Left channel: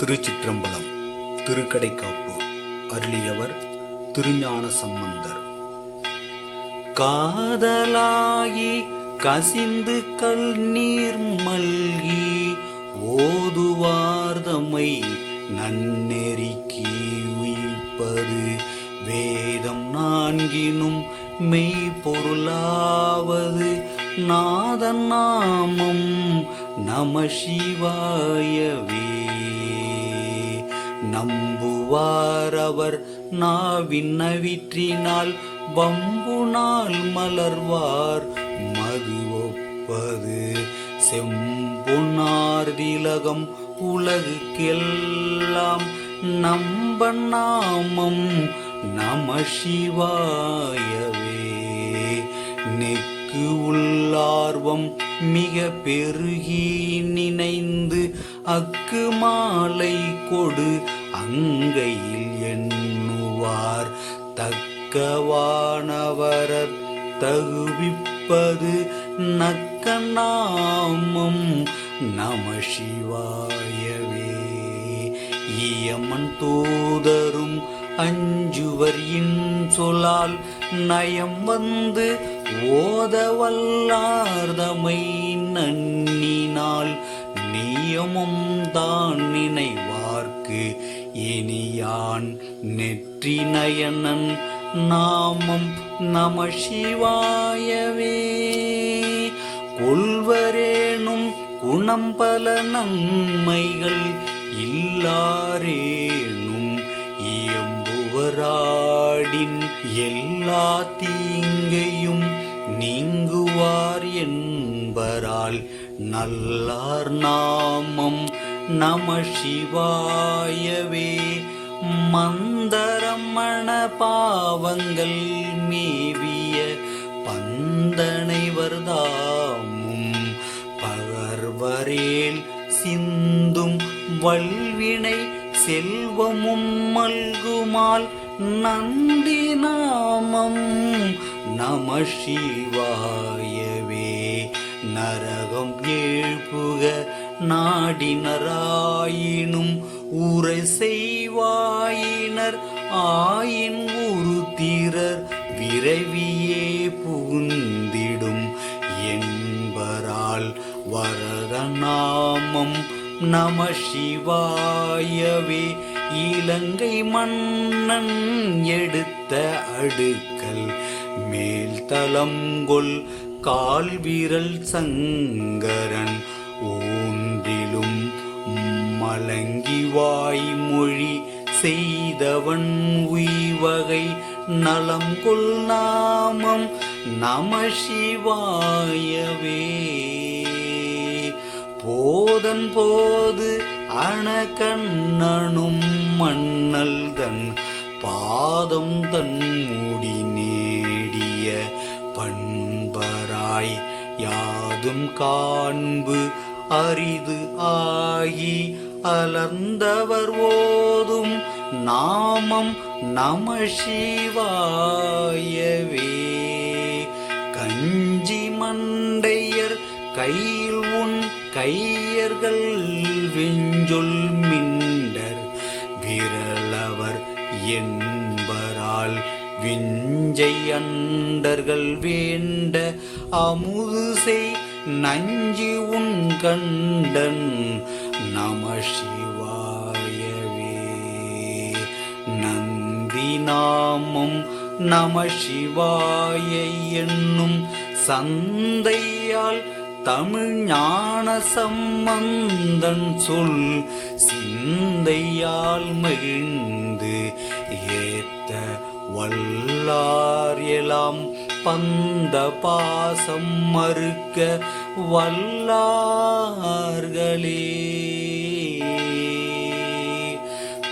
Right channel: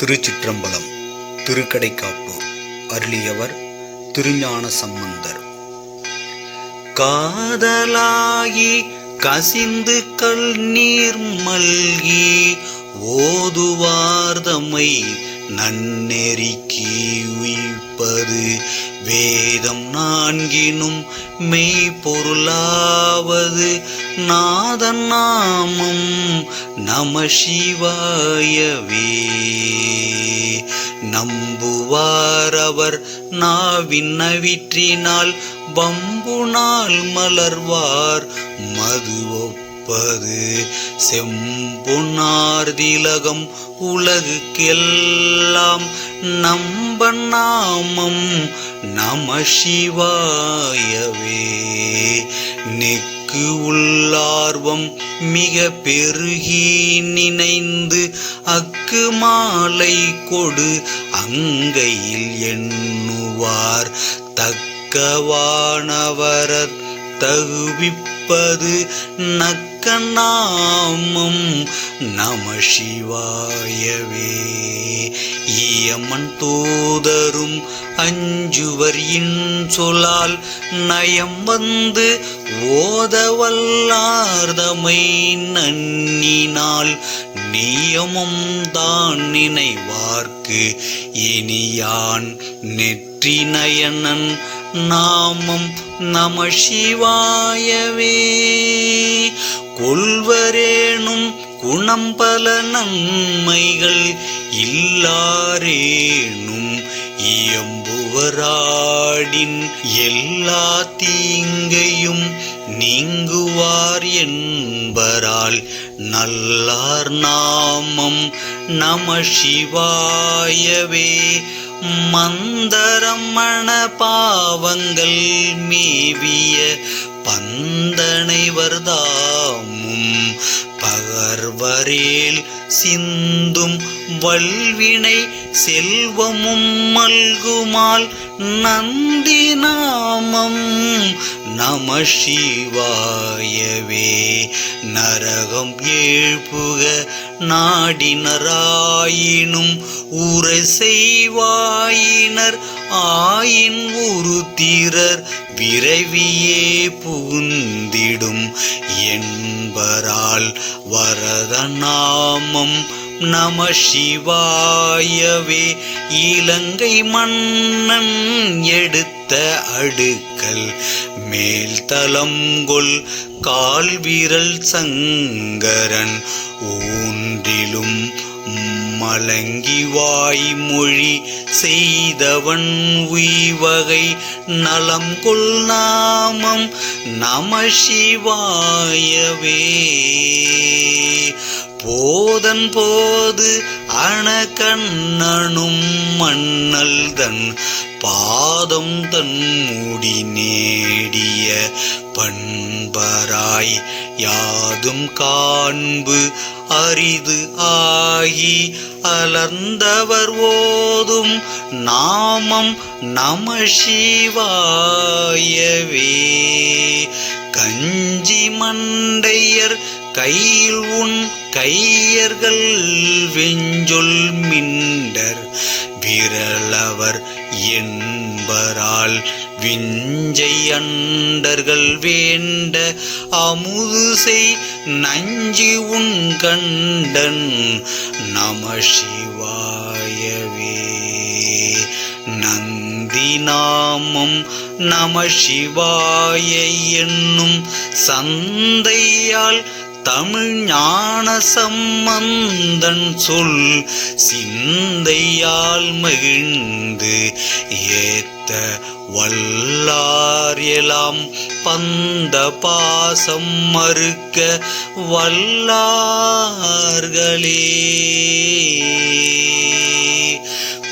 திருச்சிற்றம்பலம். திருக்கடைக்காப்பு. அருளியவர் திருஞான சம்பந்தர். காதலாகி கசிந்து கல்நீர் மல்கி ஓதுவார்தமை நன்னெறிக்கி உய்ப்பது வேதம் நான்கினும் மெய்ப்பொருளாவது நாதன் நாமம் நம சிவாயவே. நம்புவார் அவர் நாவின் நவிற்றினால் வம்புனால் மலர்வார் மது ஒப்பது செம்பொன்னார் திலகம் உலகுக்கெல்லாம் நம்பன் நாமம் நம சிவாயவே. நெக்கு உள்ளார்வம் மிக பெருகி நினைந்து அக்கு மாலை கொடு அங்கையில் எண்ணுவார் தக்கவானவரத் தகுவிப்பது நக்க நாமம் நம சிவாயவே. ஈயமன் தூதரும் அஞ்சுவர் இன்சொலால் நயம் வந்து ஓதவல்லார்தமை நன்னினால் நியமம் தான் நினைவார்க்கு இனியான் நெற்றி நயனன் நாமம் நம சிவாயவே. கொள்வரேனும் குணம் பல நன்மைகள் இல்லாரேனும் இயம்புவராடின் எல்லா தீங்கையும் நீங்குவார் என்பரால் நல்லார் நாமம் நம சிவாயவே. மந்தரமண பாவங்கள் மேவிய பந்தனைவர்தாமும் பகர்வரேல் சிந்தும் வல்வினை செல்வமும் மல்குமால் நந்தி நாமம் நம சிவாயவே. நரகம் ஏழ்புக நாடினராயினும் உரை செய்வாயினர் ஆயின் உருத்திரர் விரைவியே புகுந்திடும் என்பரால் வரத நாமம் நம சிவாயவே. இலங்கை மன்னன் எடுத்த அடுக்கல் மேல்தலங்கொள் கால்விரல் சங்கரன் ஊன்றிலும் மலங்கி வாய்மொழி செய்தவன் உய்வகை நலம் கொள் நாமம் நம சிவாயவே. போதன் போது அணகண்ணனும் மன்னல் தன் பாதம் தன் முடி நேடிய பண்பராய் யாதும் காண்பு அரிது ஆகி அலர்ந்தவர் ஓதும் நாமம் நம சிவாயவே. கஞ்சி மண்டையர் கையில் உன் கையர்கள் வெஞ்சொல் மிண்டர் விரலவர் என்பரால் விஞ்சை அண்டர்கள் வேண்ட அமுது செய் நஞ்சி உன் கண்டன் நம சிவாயவே. நந்தி நாமம் நம சிவாய என்னும் சந்தையால் தமிழ் ஞான சம்பந்தன் சொல் சிந்தையால் மகிழ்ந்து ஏத்த வல்லார் எலாம் பந்த பாசம் மறுக்க வல்லார்களே.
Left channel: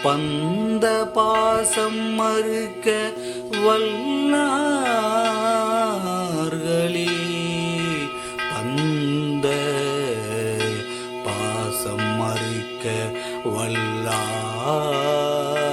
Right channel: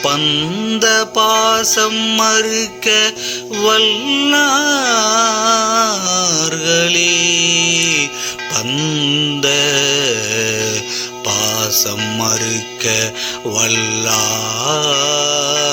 பந்த பாசம் மறுக்க வல்லார்களே. பந்த பாசம் மறுக்க வல்லார்